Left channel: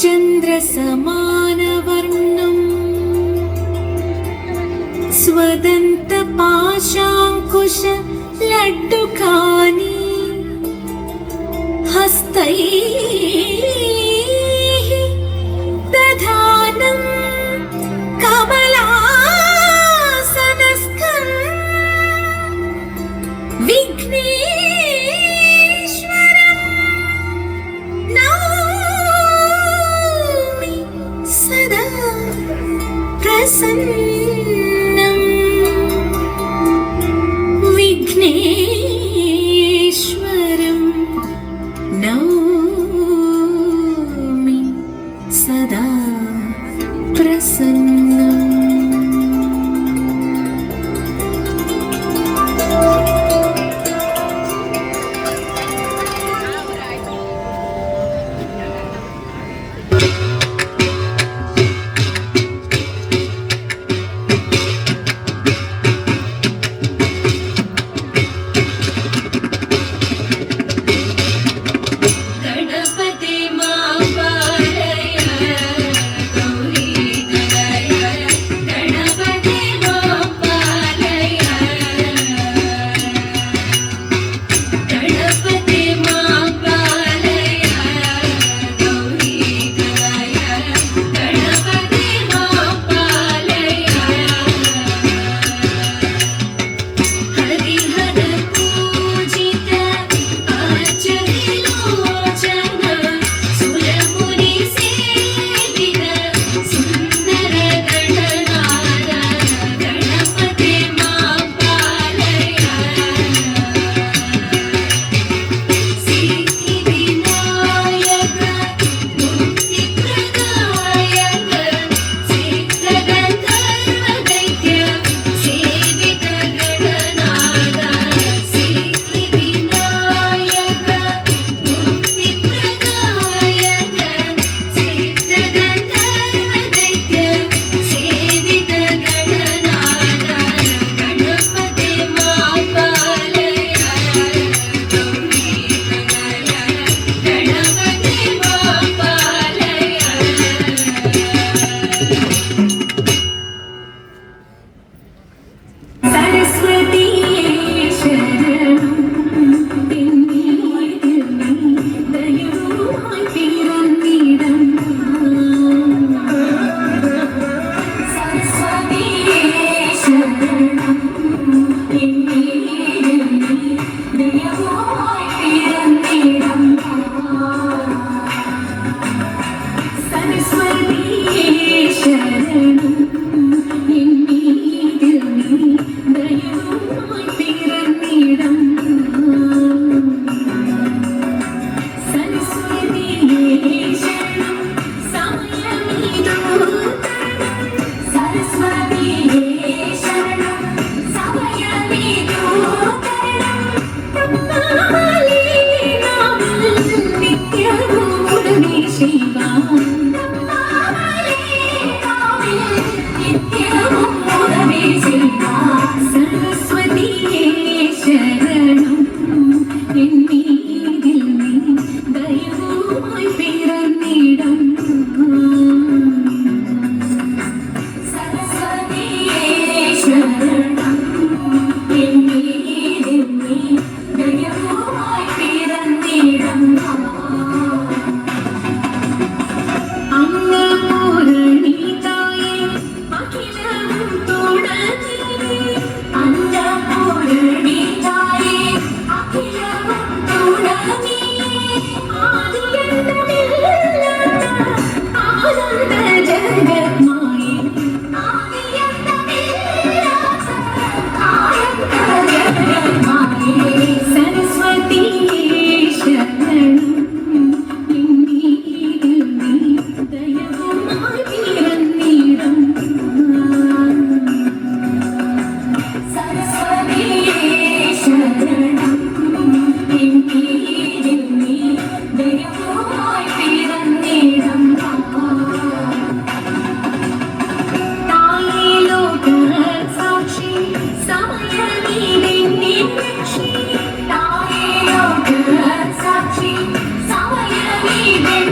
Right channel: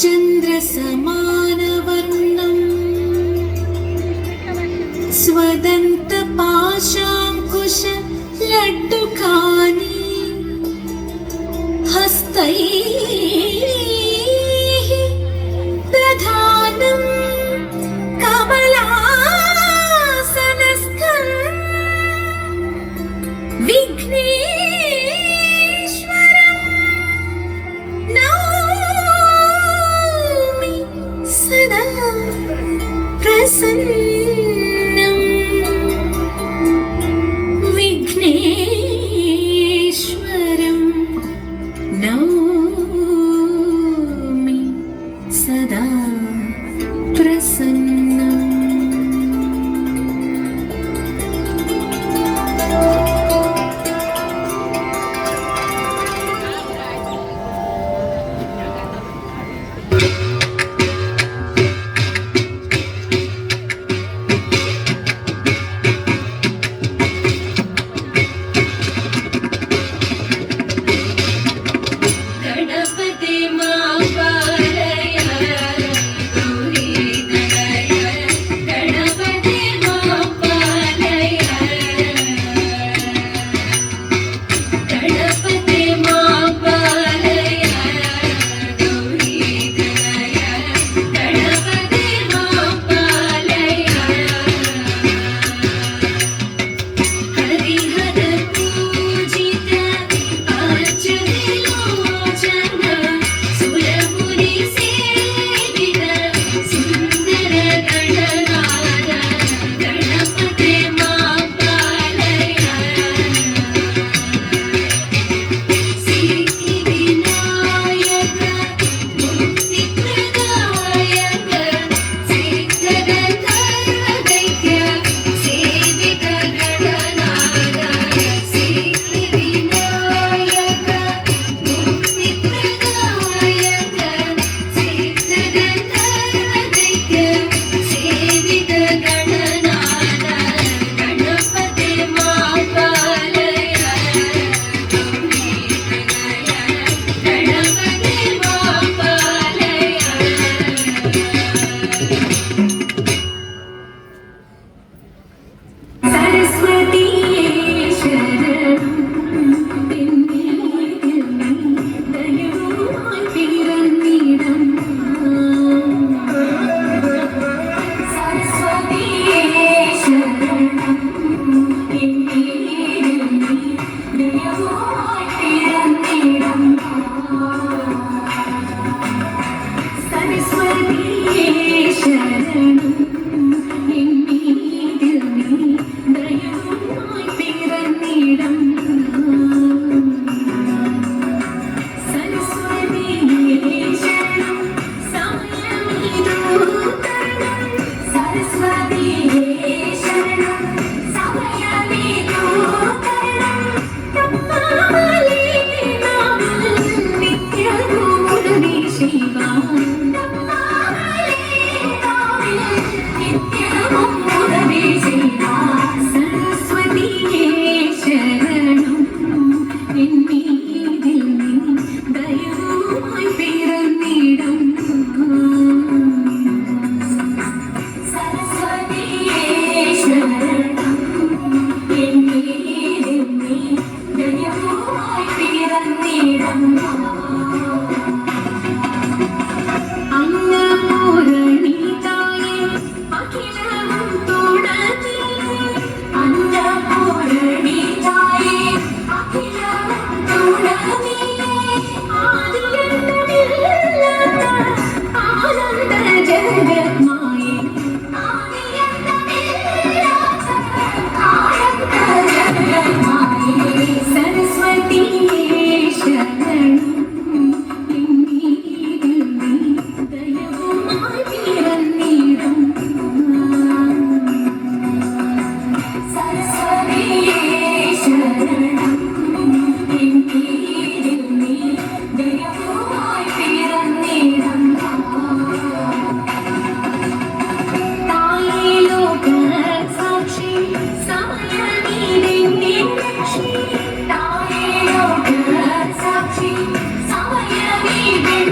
चन्द्रसमानवर्णम् स्वदन्तपाशाङ्कुशलड्डुकानि हस्तैः दधानं कमलासनस्थं विघ्नेश्वरं नौमि सदा प्रसन्नम्। विघ्नेश्वरं नौमि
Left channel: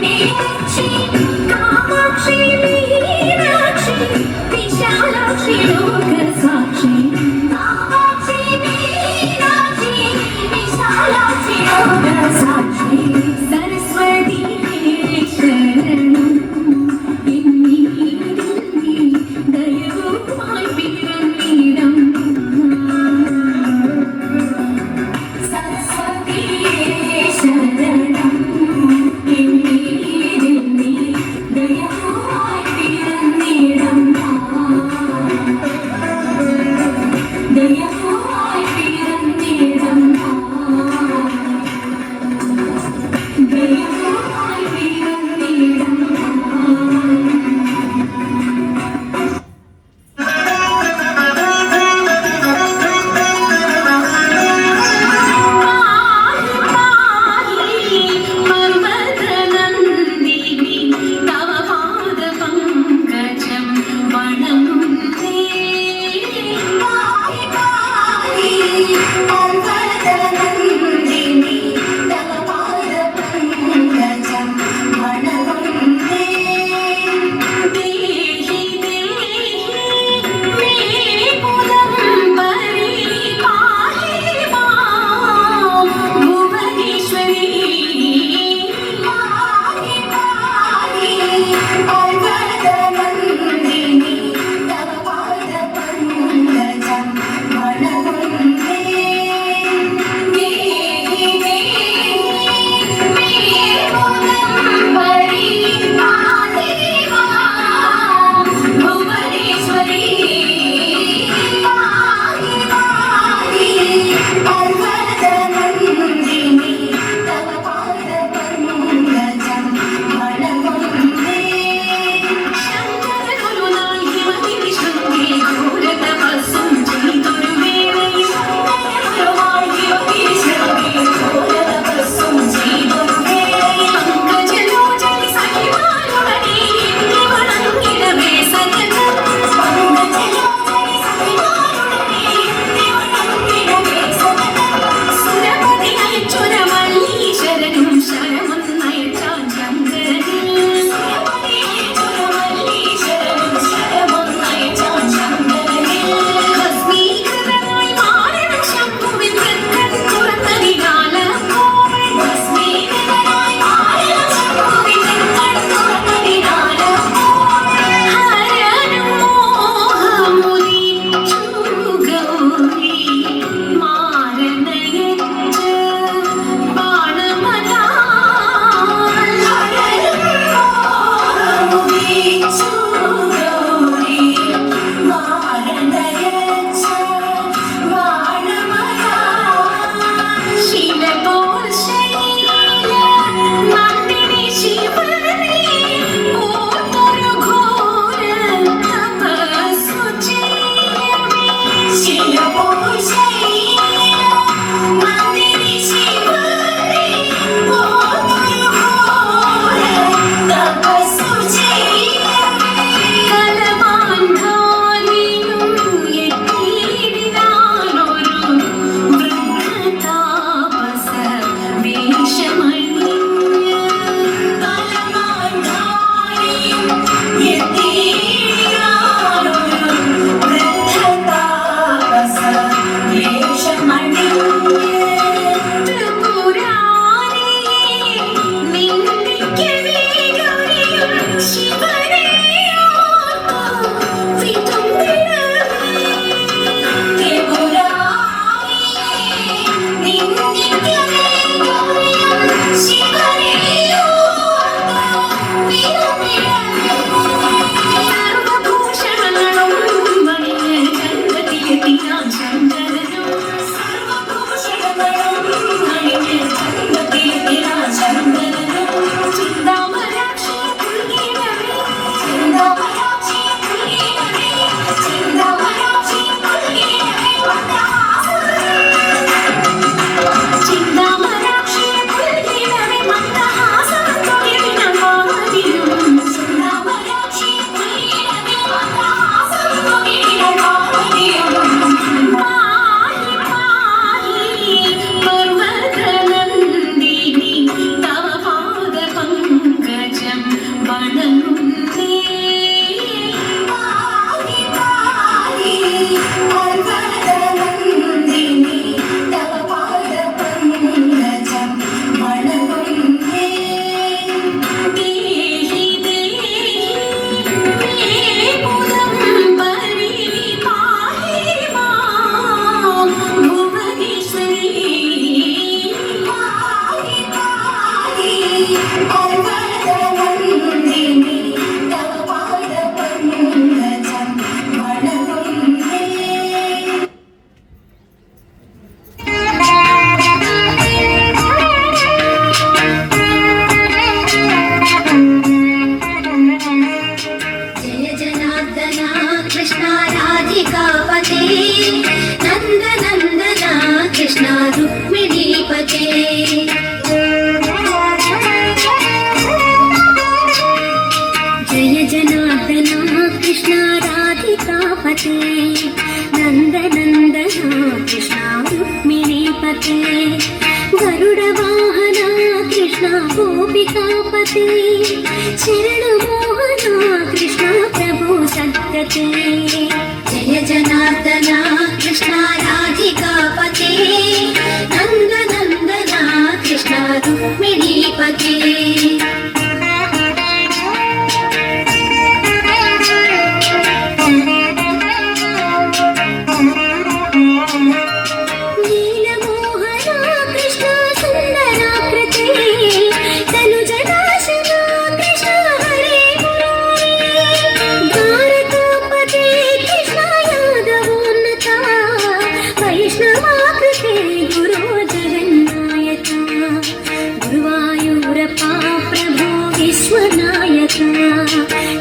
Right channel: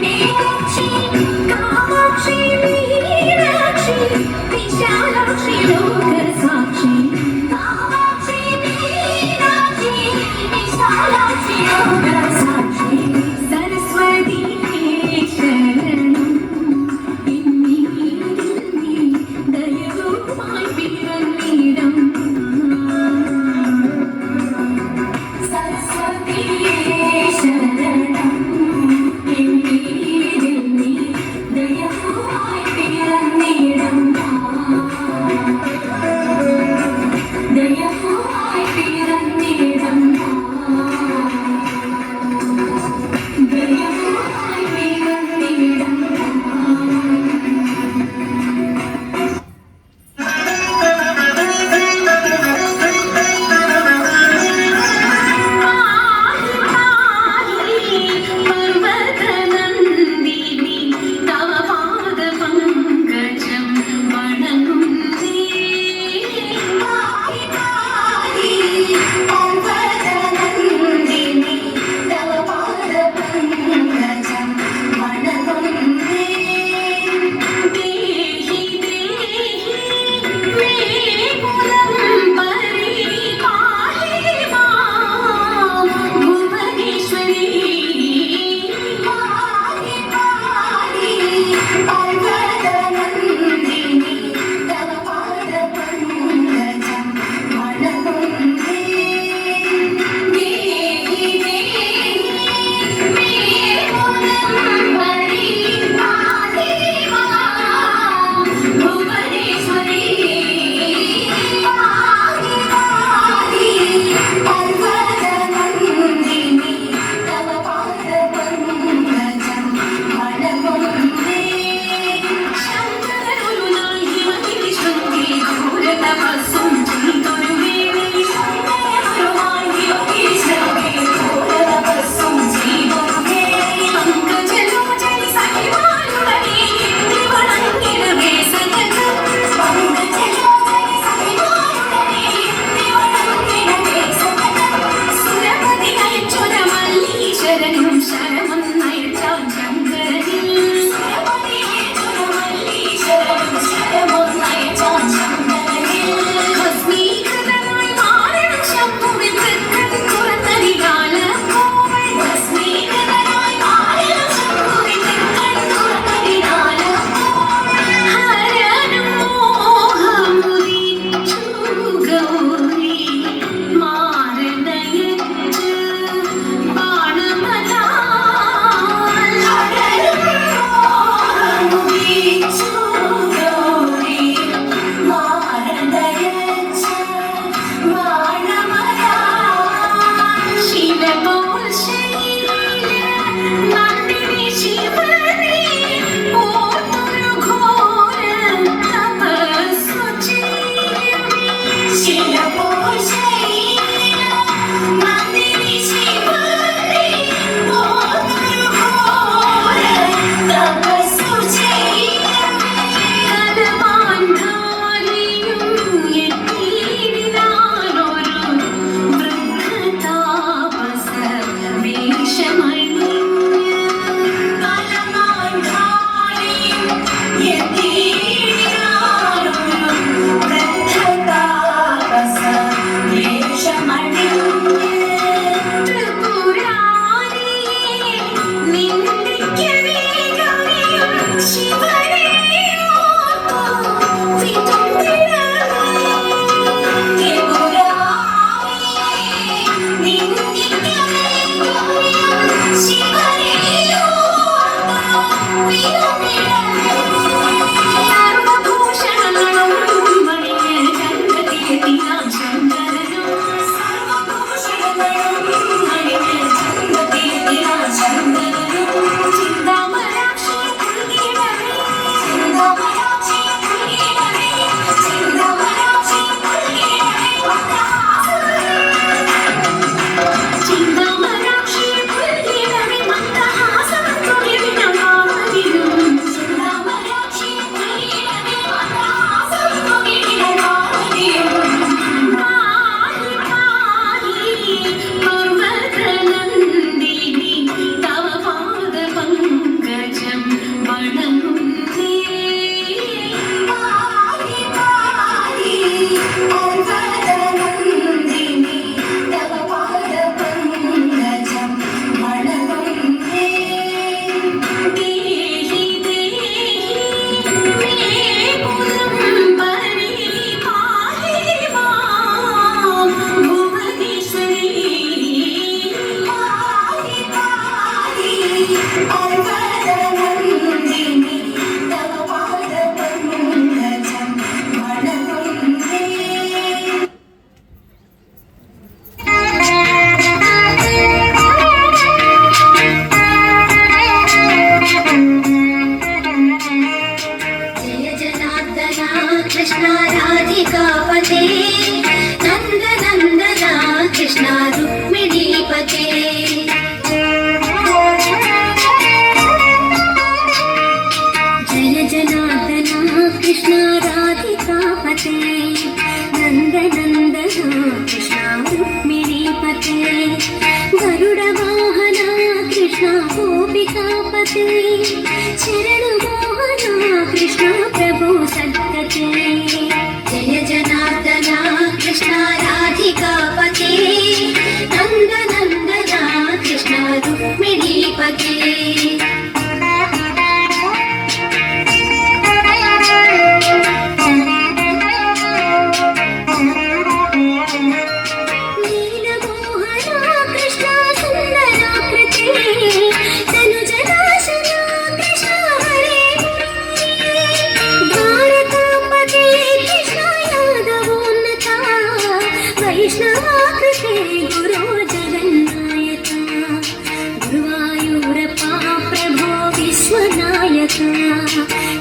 മീനാക്ഷി കാമാക്ഷി മീനാക്ഷി വിശാലാക്ഷി ലോകസാക്ഷി കാമാക്ഷി മീനാക്ഷി വിശാലാക്ഷി ലോകസാക്ഷി സരസ്വതി ശരണം ദയവുമായി പിറന്നിടം സരസ്വതി ശരണം ദയവുമായി जय जनार्दना कृष्ण राधिकापते नंद नंदना कृष्ण रुक्मिणीपते जय जनार्दना कृष्ण राधिकापते नंद नंदना कृष्ण रुक्मिणीपते गरुड वाहना कृष्ण गोपिकापते शरण मोहना कृष्ण प्रभु सद्गते जय जनार्दना कृष्ण राधिकापते नंद नंदना कृष्ण रुक्मिणीपते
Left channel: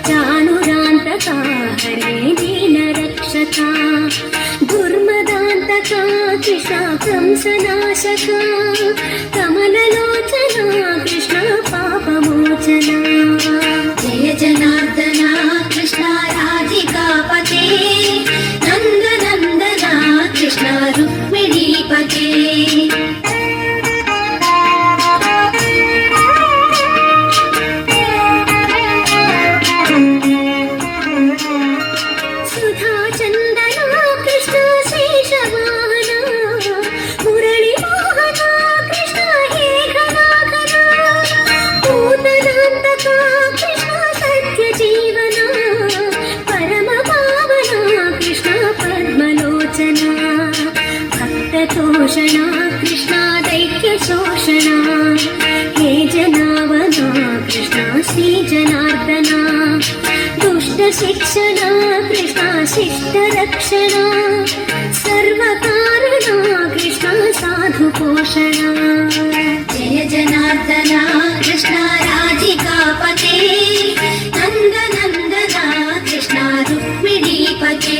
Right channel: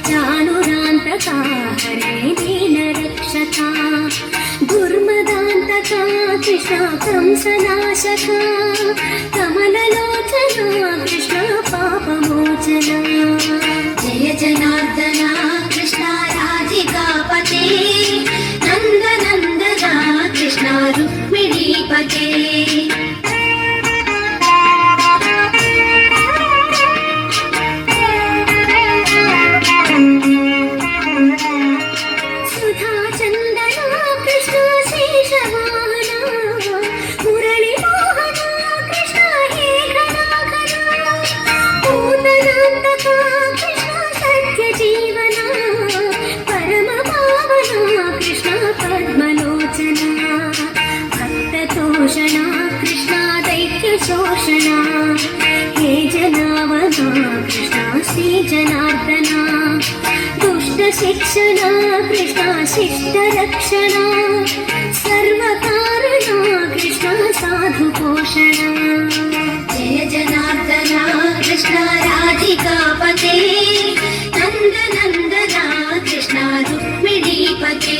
चाणुरान्तका हरे दीनरक्षका दुर्मदान्तका कृष्ण कंसनाशका कमललोचना कृष्ण पापमोचना जय जनार्दना कृष्ण राधिकापते नन्द नन्दना कृष्ण रुक्मिणीपते कृष्ण दैत्य शोषणा हे जनावना कृष्ण श्री जनार्दना दुष्ट शिक्षणा कृष्ण शिष्ट रक्षणा सर्वकारणा कृष्ण साधु पोषणा जय जनार्दना कृष्ण राधिकापते नंद नंदना कृष्ण रुक्मिणीपते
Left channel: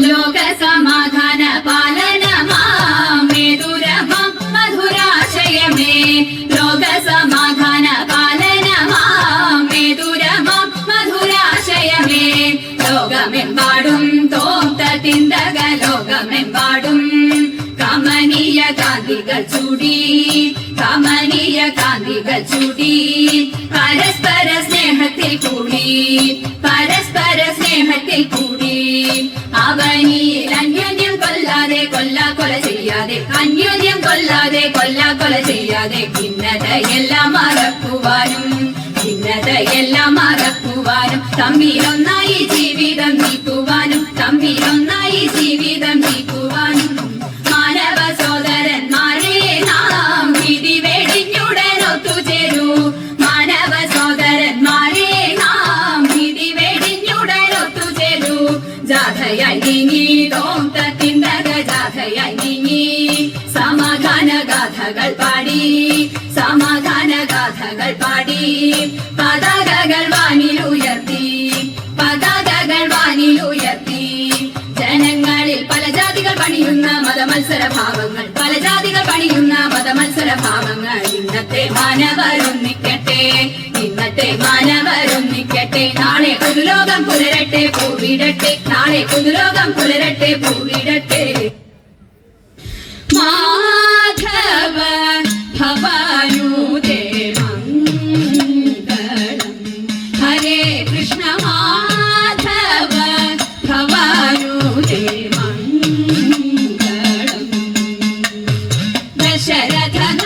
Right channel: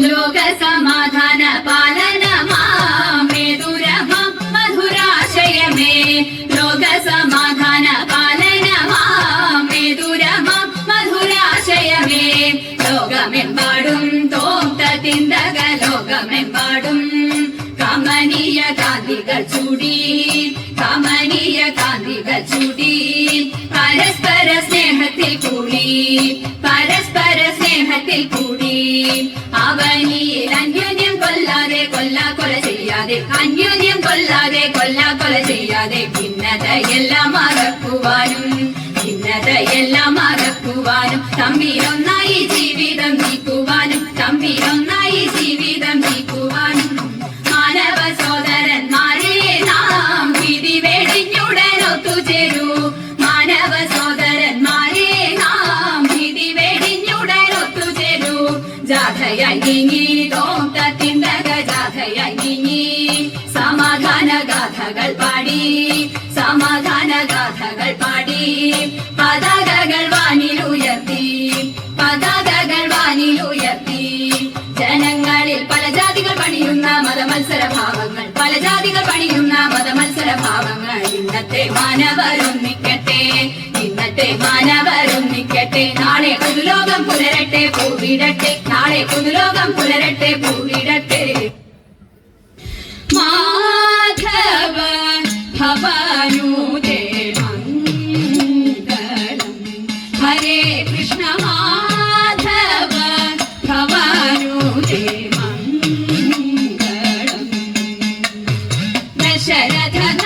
लोक समाधान पालन मे दुरह मधुराशय मे लोक समाधान पालन मे दुरह मधुराशय मे लोकमेम्बाडुം തോട്ടത്തിന്തക ലോകമെമ്പാടും കമനീയ കാന്തികൾ ചൂടി കമനീയ കാന്തികൾ ചൂടി പരസ്പര സ്നേഹത്തിൽ കൂടി പരസ്പര സ്നേഹത്തിൽ കൂടി അവനിയിൽ അന്യോന്യം കൊല്ലാതെ കൊല ചെയ്യാതെ അന്യോന്യം കൊല്ലാതെ കൊല ചെയ്യാതെ ഭിന്നതയെല്ലാം മറക്കുവാനും തമ്മിലൊന്നായി ജീവിതം നീക്കുവാനും തമ്മിലൊന്നായി ജീവിതം നീക്കുവാനും മാനവ സോദരന്മാരെ നാം വിധി വെടിഞ്ഞുടൻ ഒത്തുചേരൂ മാനവ സോദരന്മാരെ നാം വിധി വെടിഞ്ഞുടൻ ഒത്തുചേരൂ ജാഥയായി നീങ്ങി തോട്ടത്തിന്തക ജാഥയായി നീങ്ങി സമാധാന ഗാഥകൾ പാടി സമാധാന ഗാഥകൾ പാടി പതാകകൾ വാനിലുയർത്തി പതാകകൾ വാനിലുയർത്തി ജനങ്ങളിൽ പല ജാതികൾ പണിയുന്ന മതമത്സര ഭാവങ്ങൾ പല ജാതികൾ പണിയുന്ന മതമത്സര ഭാവങ്ങൾ ഇന്നത്തെ മാനവരൊന്നിക്കട്ടെ ഇന്നത്തെ മാനവരൊന്നിക്കട്ടെ നാളെ പുതുലോകം പുലരട്ടെ പൂവിടട്ടെ നാളെ പുതുലോകം പുലരട്ടെ പൂവിടട്ടെ മാധവ ഭവാനുദേ മംഗളം ഹരേ കൃഷ്ണ മാധവ ഭവാനുദേ മംഗളം ദശരഥന